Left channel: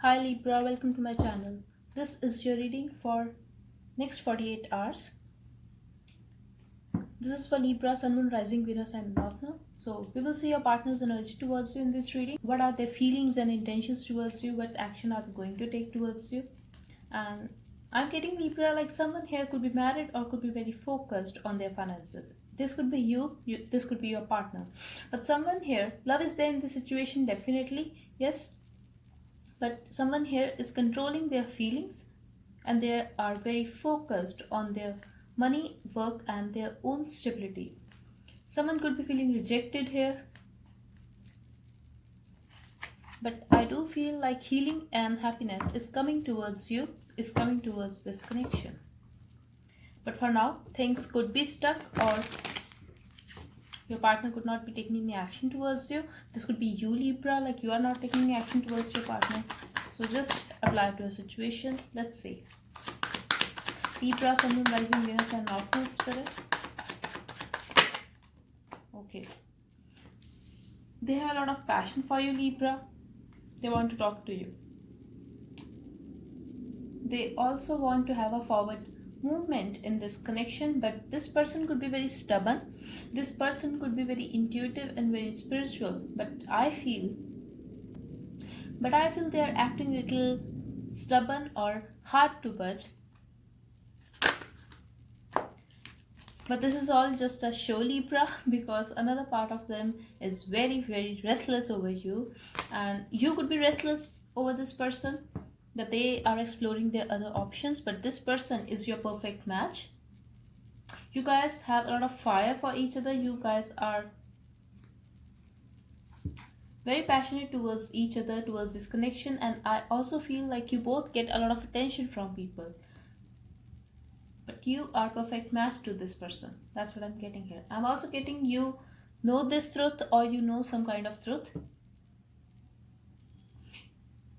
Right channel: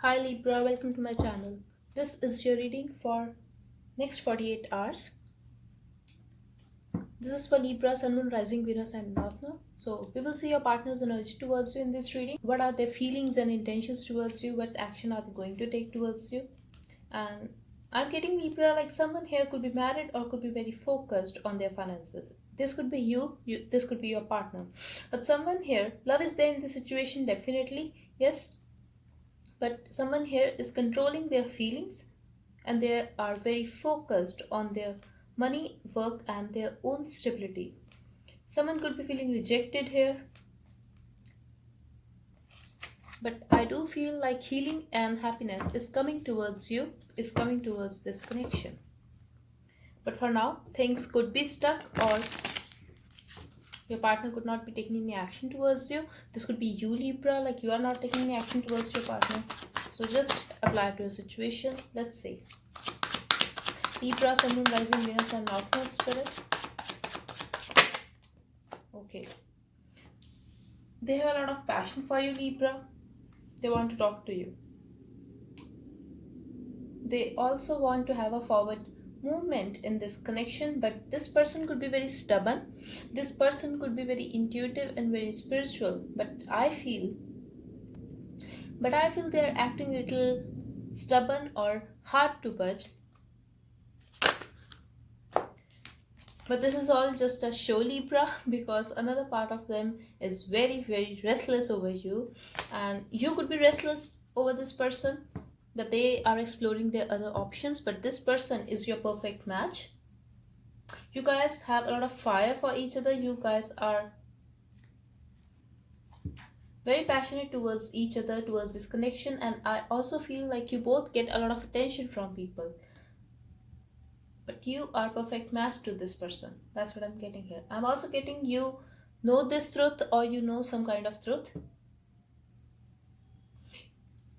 Hi Libra, welcome to my channel. This is your reading for next 48 hours. This is for Libra, Sun, Moon, Rising, Venus and North Node. So we will see your partner's energy towards you in this reading. What are their feelings and intentions towards you? What action are they going to take towards you? And I'm getting Libra like someone here could be married or could be very focused on their finances. This could be you, this could be your partner. But someone here, love is there in the situation definitely, yes, but someone here is controlling their feelings and they are very focused on their money, work, and their own stability. Someone could be feeling rejected here, but I do feel like healing and happiness is coming towards you, is coming towards this connection. But for now, things could be stuck or your partner could not be taking any action towards you. This could be you, Libra, like you are not taking any action towards your partner. So just apply it to a situation. Let's see. Libra, Sun, Moon, Rising, Venus and North Node Spirit. Okay. They have a lot of passion for you, Libra. They want to talk to you. They also want to have a forward movement in this connection, but this person could be very stubborn. This person could be very intuitive and very spiritual, but I feel they are acting a little stubborn or hard to budge. But this is all just a show, Libra, because another part of them is very, very restless over you. And you could be restless over this person, that they are exploring their other options, but this person is your perfect match. You guys have a lot of fire for each other. You guys are very passionate towards each other, towards this connection. And I also feel like you both get a lot of attention from people. But you are perfect match to this person. That's what I'm getting here. I'm also getting you know this truth or you know some kind of truth.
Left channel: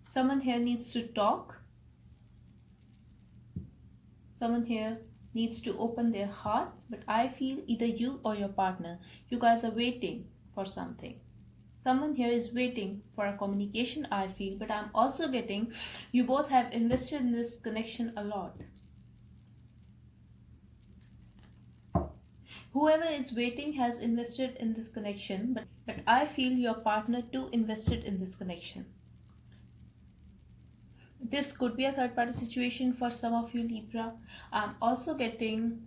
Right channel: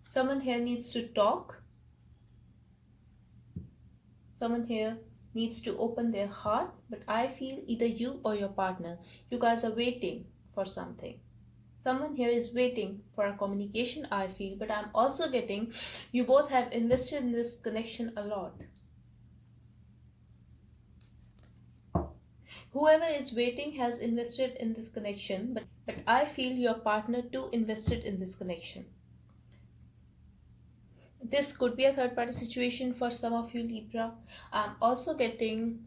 Someone here needs to talk. Someone here needs to open their heart. But I feel either you or your partner, you guys are waiting for something. Someone here is waiting for a communication, I feel. But I'm also getting you both have invested in this connection a lot. Whoever is waiting has invested in this connection, but I feel your partner too invested in this connection. This could be a third party situation for some of you, Libra. I'm also getting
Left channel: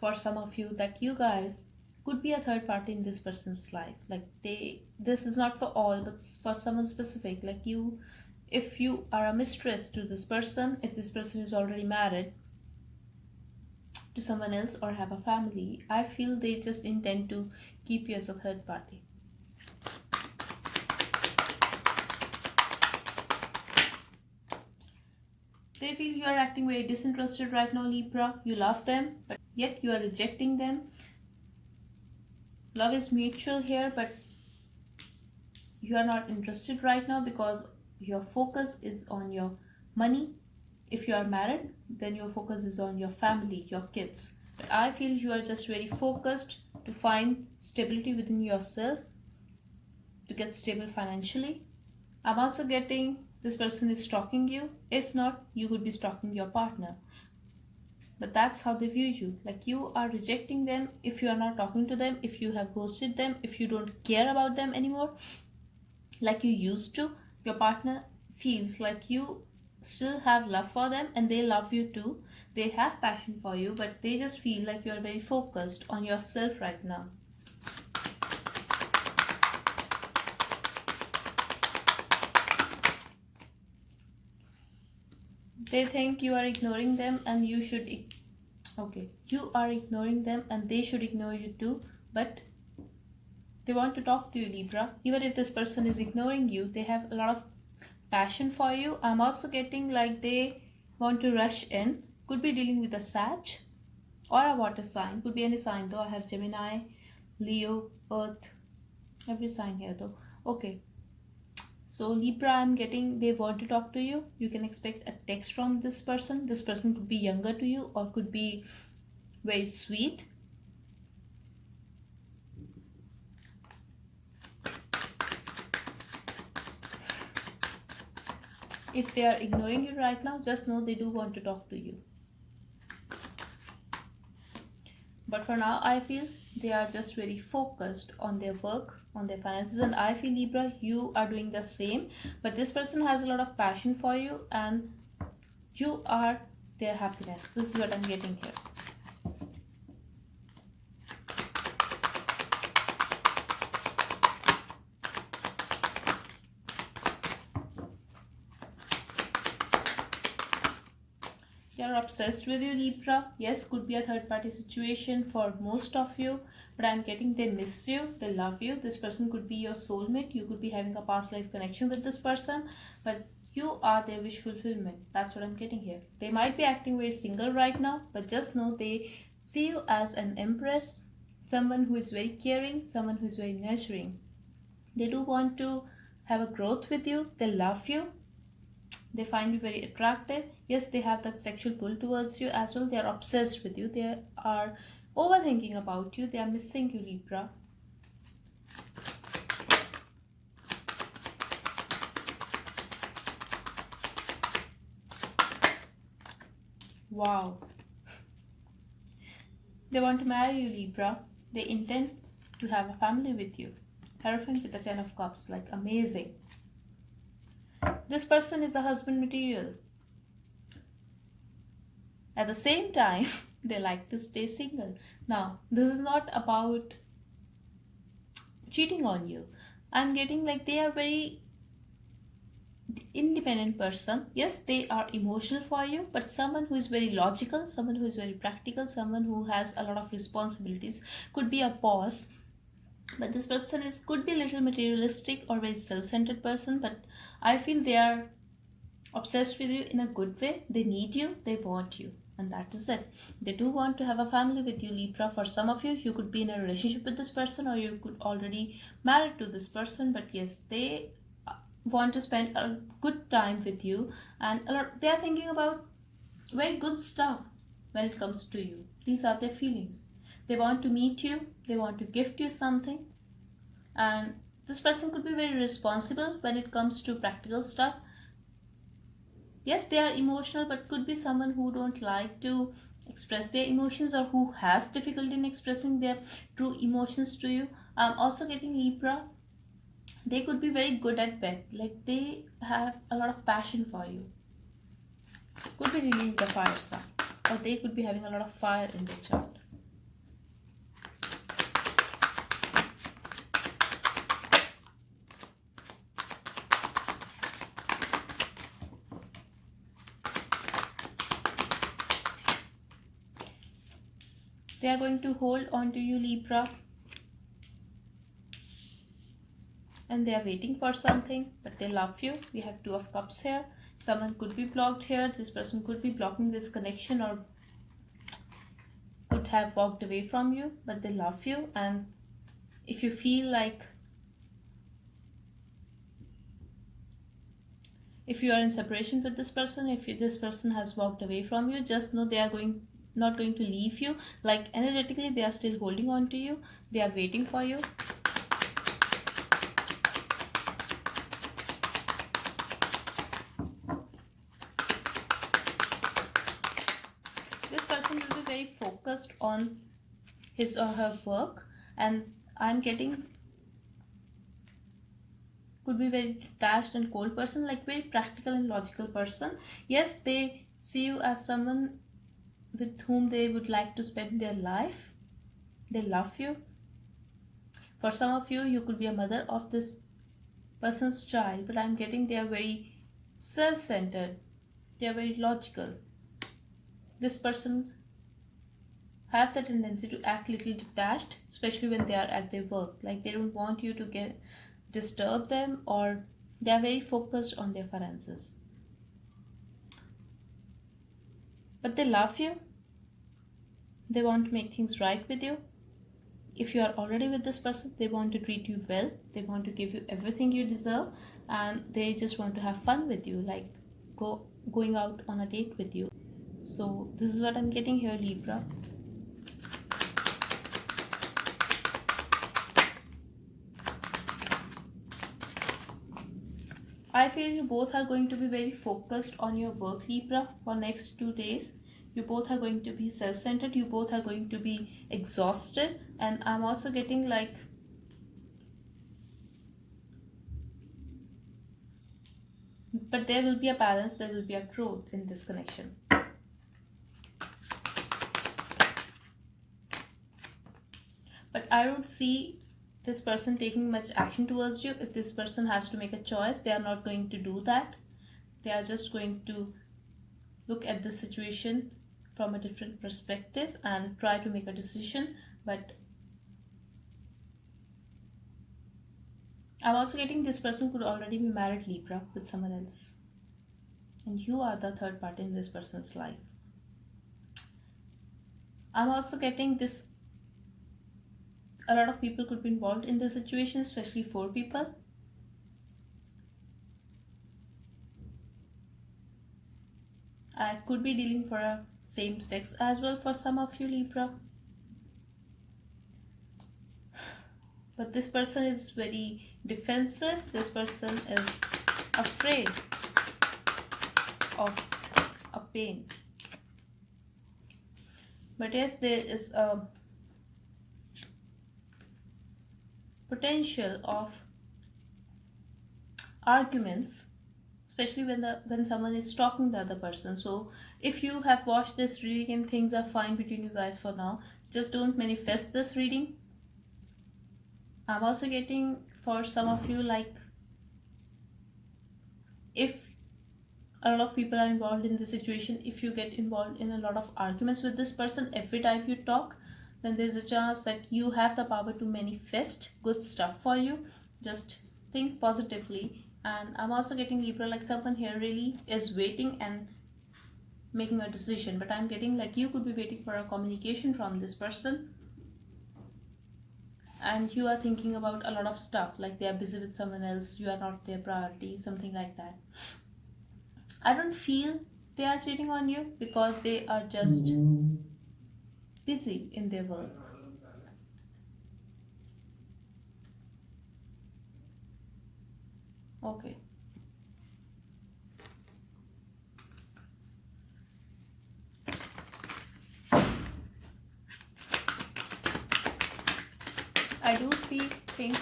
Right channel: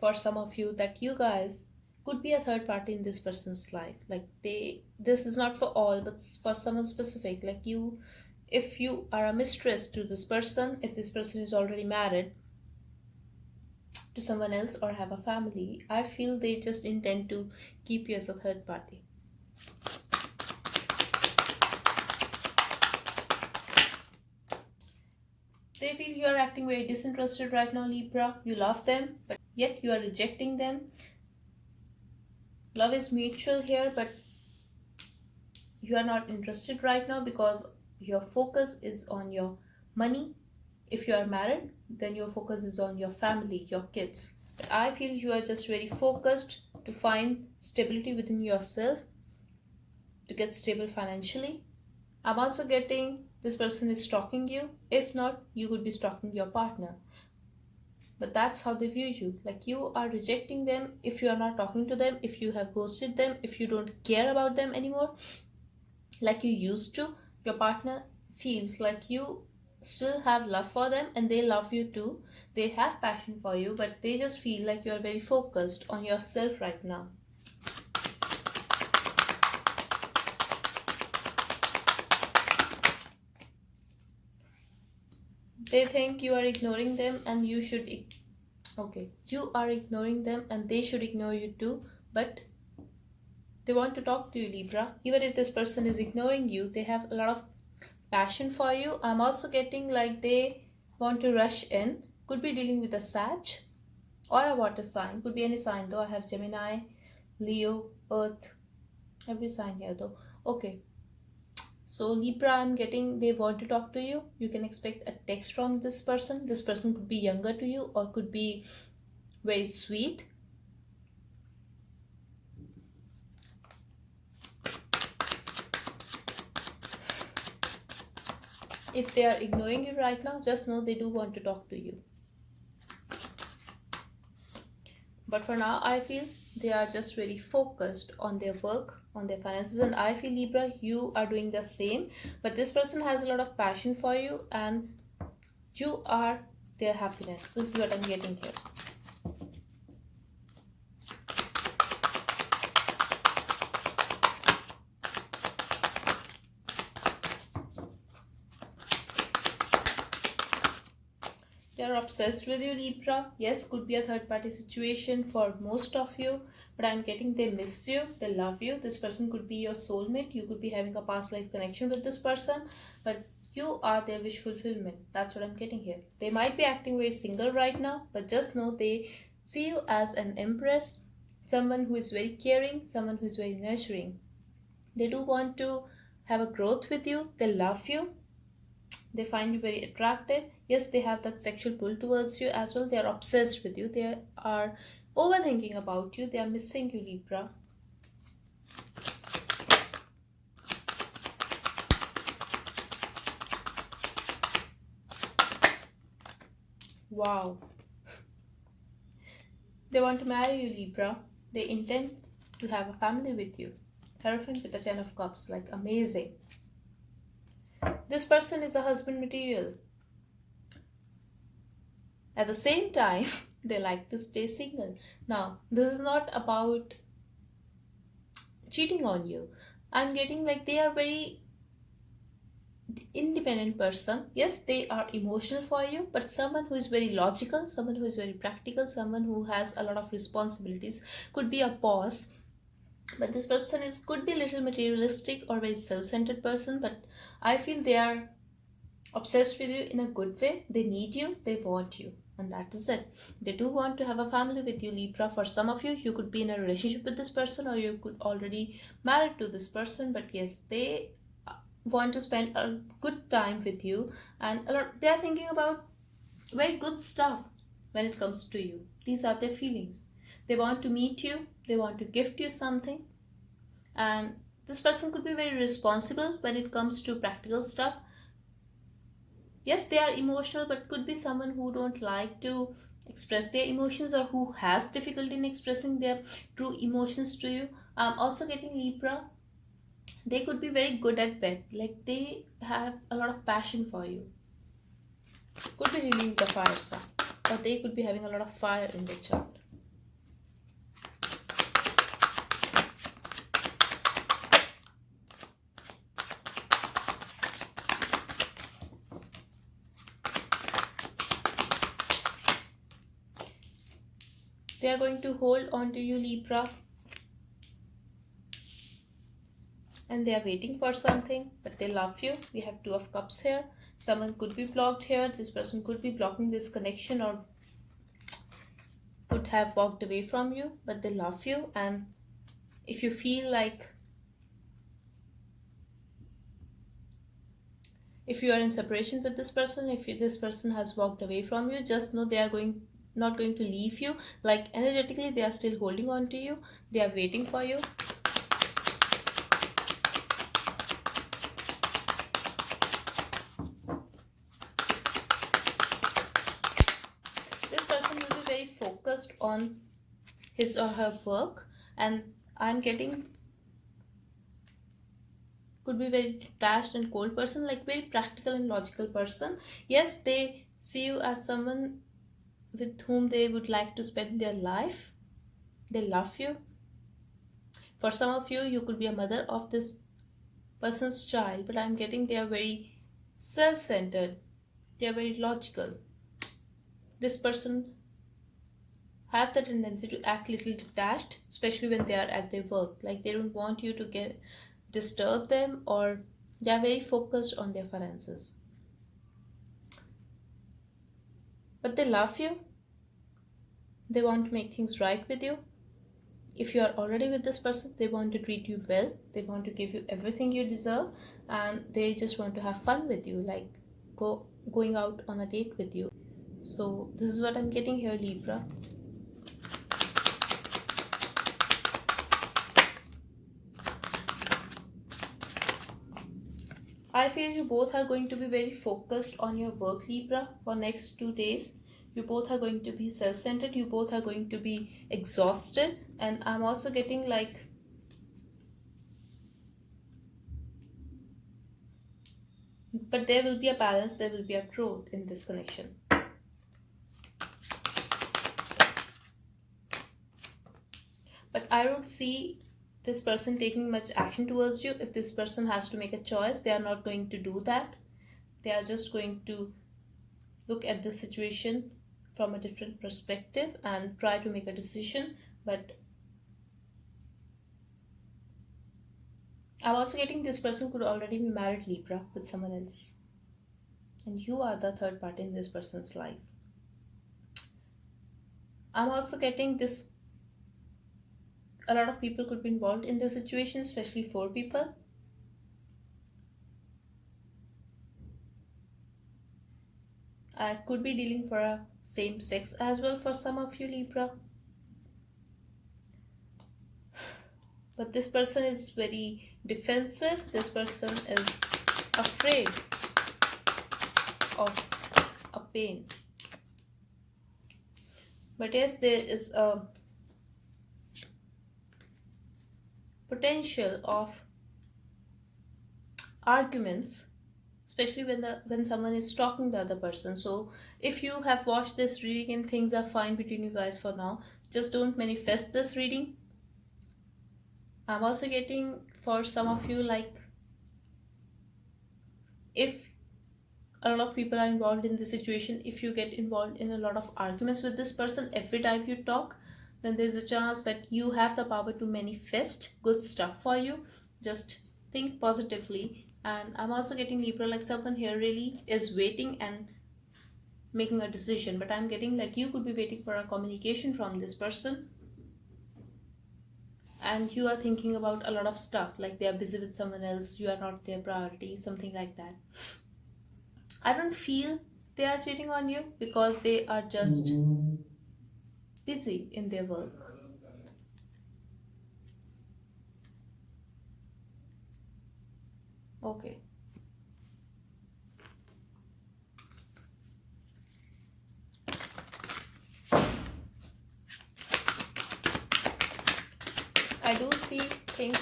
for some of you that you guys could be a third party in this person's life. Like this is not for all, but for someone specific. Like you, if you are a mistress to this person, if this person is already married to someone else or have a family, I feel they just intend to keep you as a third party. They feel you are acting very disinterested right now, Libra. You love them, but yet you are rejecting them. Love is mutual here, but you are not interested right now because your focus is on your money. If you are married, then your focus is on your family, your kids. But I feel you are just very focused to find stability within yourself, to get stable financially. I'm also getting this person is stalking you. If not, you could be stalking your partner. But that's how they view you. Like you are rejecting them if you are not talking to them, if you have ghosted them, if you don't care about them anymore like you used to. Your partner feels like you still have love for them and they love you too. They have passion for you, but they just feel like you are very focused on yourself right now. They think you are ignoring them and you should you are ignoring them and they should ignore you too, but they want to talk to you, Libra. Even if this person is ignoring you, they have a lot of passion for you. I'm also getting like they want to rush in. Could be dealing with a Sag or a water sign. Could be any sign though. I have Gemini, Leo, Earth, every sign here though. Okay. So Libra, I'm getting they want to talk to you. You can expect a text from this person. This person could be younger to you or could be very sweet. If they are ignoring you right now, just know they do want to talk to you. But for now, I feel they are just very focused on their work, on their finances. And I feel, Libra, you are doing the same. But this person has a lot of passion for you and you are their happiness. This is what I'm getting here. They are obsessed with you, Libra. Yes, could be a third party situation for most of you, but I'm getting they miss you, they love you. This person could be your soulmate. You could be having a past life connection with this person, but you are their wish fulfillment. That's what I'm getting here. They might be acting very single right now, but just know they see you as an empress, someone who is very caring, someone who is very nurturing. They do want to have a growth with you, they love you, they find you very attractive. Yes, they have that sexual pull towards you as well. They are obsessed with you, they are overthinking about you, they are missing you, Libra. Wow. They want to marry you, Libra. They intend to have a family with you. Hierophant with the 10 of cups, like amazing. This person is a husband material. At the same time, they like to stay single. Now, this is not about cheating on you. I'm getting like they are very independent person. Yes, they are emotional for you, but someone who is very logical, someone who is very practical, someone who has a lot of responsibilities, could be a boss. But this person is could be a little materialistic or very self-centered person, but I feel they are obsessed with you in a good way. They need you, they want you, and that is it. They do want to have a family with you, Libra. For some of you, you could be in a relationship with this person, or you could already married to this person, but yes, they want to spend a good time with you, and a lot they are thinking about very good stuff when it comes to you. These are their feelings. They want to meet you, they want to gift you something, and this person could be very responsible when it comes to practical stuff. Yes, they are emotional, but could be someone who don't like to express their emotions or who has difficulty in expressing their true emotions to you. I'm also getting, Libra, they could be very good at bed, like they have a lot of passion for you. Could be reading the fire sign, or they could be having a lot of fire in their chart. They are going to hold on to you, Libra, and they are waiting for something, but they love you. We have 2 of cups here. Someone could be blocked here. This person could be blocking this connection or could have walked away from you, but they love you. And if you feel like if you are in separation with this person, if this person has walked away from you, just know they are not going to leave you. Like energetically, they are still holding on to you. They are waiting for you. This person will be very focused on his or her work, and I'm getting could be very detached and cold person, like very practical and logical person. Yes, they see you as someone with whom they would like to spend their life. They love you. For some of you, you could be a mother of this person's child, but I'm getting they are very self-centered, they are very logical. This person have the tendency to act little detached, especially when they are at their work. Like they don't want you to get disturb them, or they are very focused on their finances. But they love you. They want to make things right with you. If you are already with this person, they want to treat you well. They want to give you everything you deserve, and they just want to have fun with you, like going out on a date with you. So this is what I'm getting here, Libra. I feel you both are going to be very focused on your work, Libra, for next 2 days. You both are going to be self-centered. You both are going to be exhausted. And I'm also getting like, but there will be a balance, there will be a growth in this connection. But I don't see this person taking much action towards you. If this person has to make a choice, they are not going to do that. They are just going to look at the situation from a different perspective and try to make a decision. But I'm also getting this person could already be married, Libra, with someone else. And you are the third party in this person's life. I'm also getting this, a lot of people could be involved in the situation, especially 4 people. I could be dealing for a same sex as well for some of you, Libra. But this person is very defensive. This person is afraid of a pain. But yes, there is a potential of arguments, especially when someone is stalking the other person. So if you have watched this reading and things are fine between you guys for now, just don't manifest this reading. I'm also getting for some of you, like, if a lot of people are involved in the situation, if you get involved in a lot of arguments with this person every time you talk, then there's a chance that you have the power to manifest good stuff for you. Just think positively. And I'm also getting, Libra, like someone here really is waiting and making a decision. But I'm getting like you could be waiting for a communication from this person, and you are thinking about a lot of stuff, like they are busy with someone else, you are not their priority, something like that. I don't feel they are cheating on you, because they are just busy in their work. Okay. I do see things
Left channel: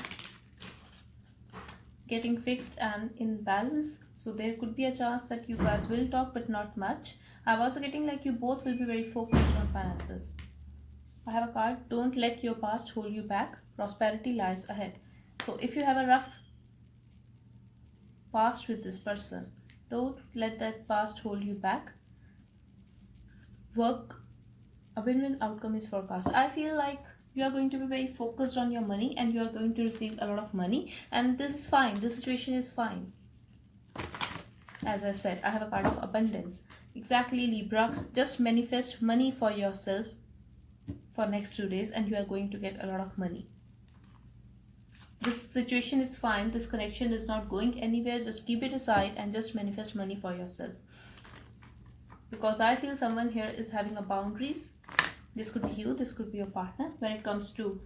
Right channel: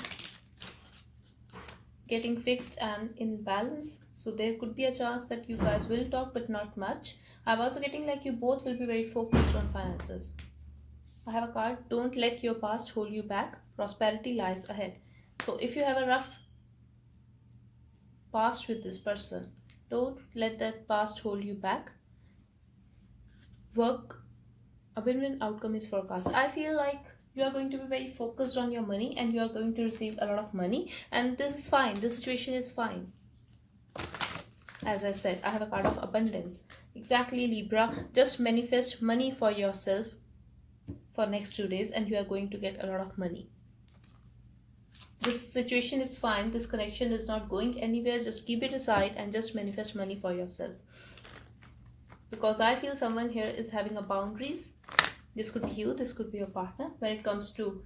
getting fixed and in balance, so there could be a chance that you guys will talk, but not much. I'm also getting like you both will be very focused on finances. I have a card, don't let your past hold you back, prosperity lies ahead. So if you have a rough past with this person, don't let that past hold you back. Work, a win-win outcome is forecast. I feel like you are going to be very focused on your money, and you are going to receive a lot of money, and this is fine, this situation is fine. As I said, I have a card of abundance. Exactly, Libra, just manifest money for yourself for next 2 days, and you are going to get a lot of money. This situation is fine, this connection is not going anywhere. Just keep it aside and just manifest money for yourself, because I feel someone here is having a boundaries. This could be you, this could be your partner when it comes to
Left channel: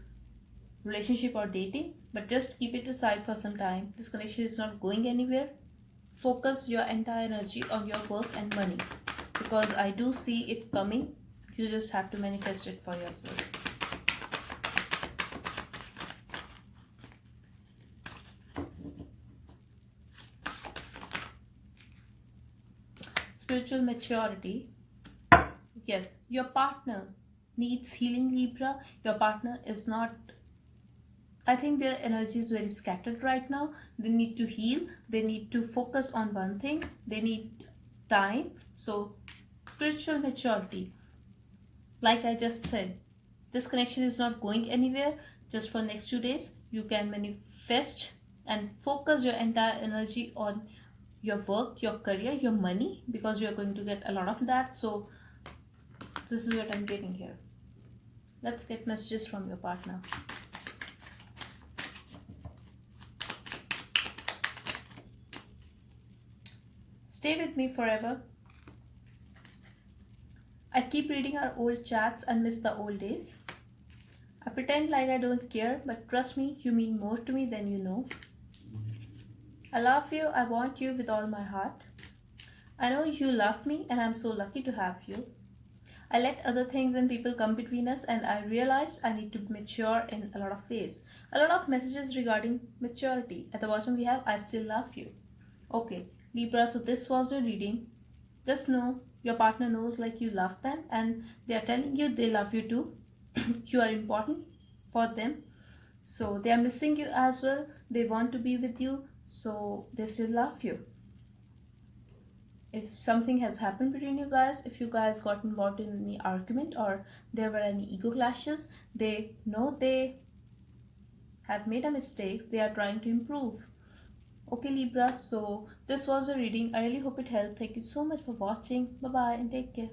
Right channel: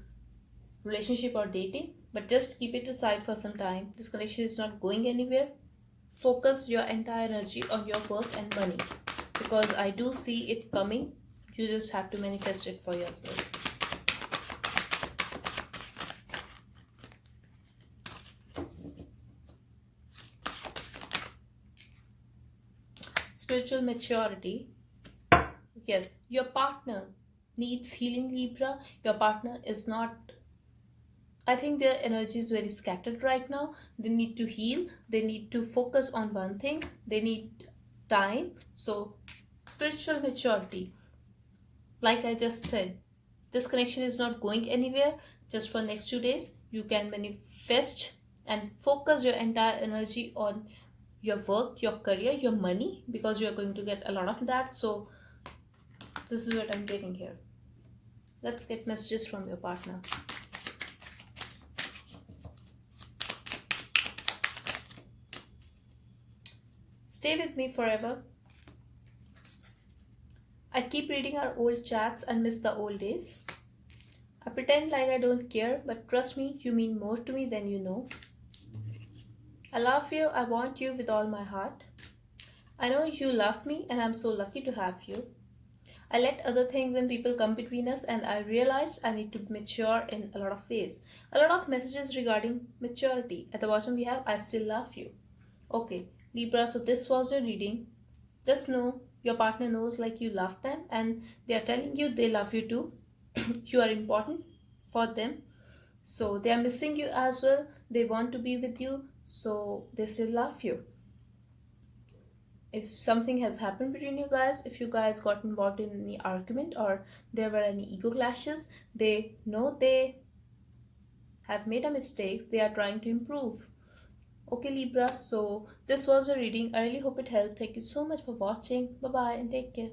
relationship or dating. But just keep it aside for some time. This connection is not going anywhere. Focus your entire energy on your work and money, because I do see it coming. You just have to manifest it for yourself. Spiritual maturity. Yes, your partner needs healing, Libra. Your partner is not, I think their energy is very scattered right now. They need to heal, they need to focus on one thing, they need time. So spiritual maturity, like I just said, this connection is not going anywhere. Just for next 2 days, you can manifest and focus your entire energy on your work, your career, your money, because you're going to get a lot of that. So this is what I'm getting here. Let's get messages from your partner. Stay with me forever. I keep reading our old chats and miss the old days. I pretend like I don't care, but trust me, you mean more to me than you know. I love you. I want you with all my heart. I know you love me, and I'm so lucky to have you. I let other things and people come between us, and I realized I need to mature in a lot of ways. A lot of messages regarding maturity. At the bottom, we have I still love you. Okay, Libra, so this was your reading. Just know your partner knows like you love them, and they are telling you they love you too. You are important for them, so they are missing you as well. They want to be with you, so they still love you. If something has happened between you guys, if you guys got involved in any argument or there were any ego clashes, they know they have made a mistake, they are trying to improve. Okay, Libra, so this was a reading. I really hope it helped. Thank you so much for watching. Bye bye and take care.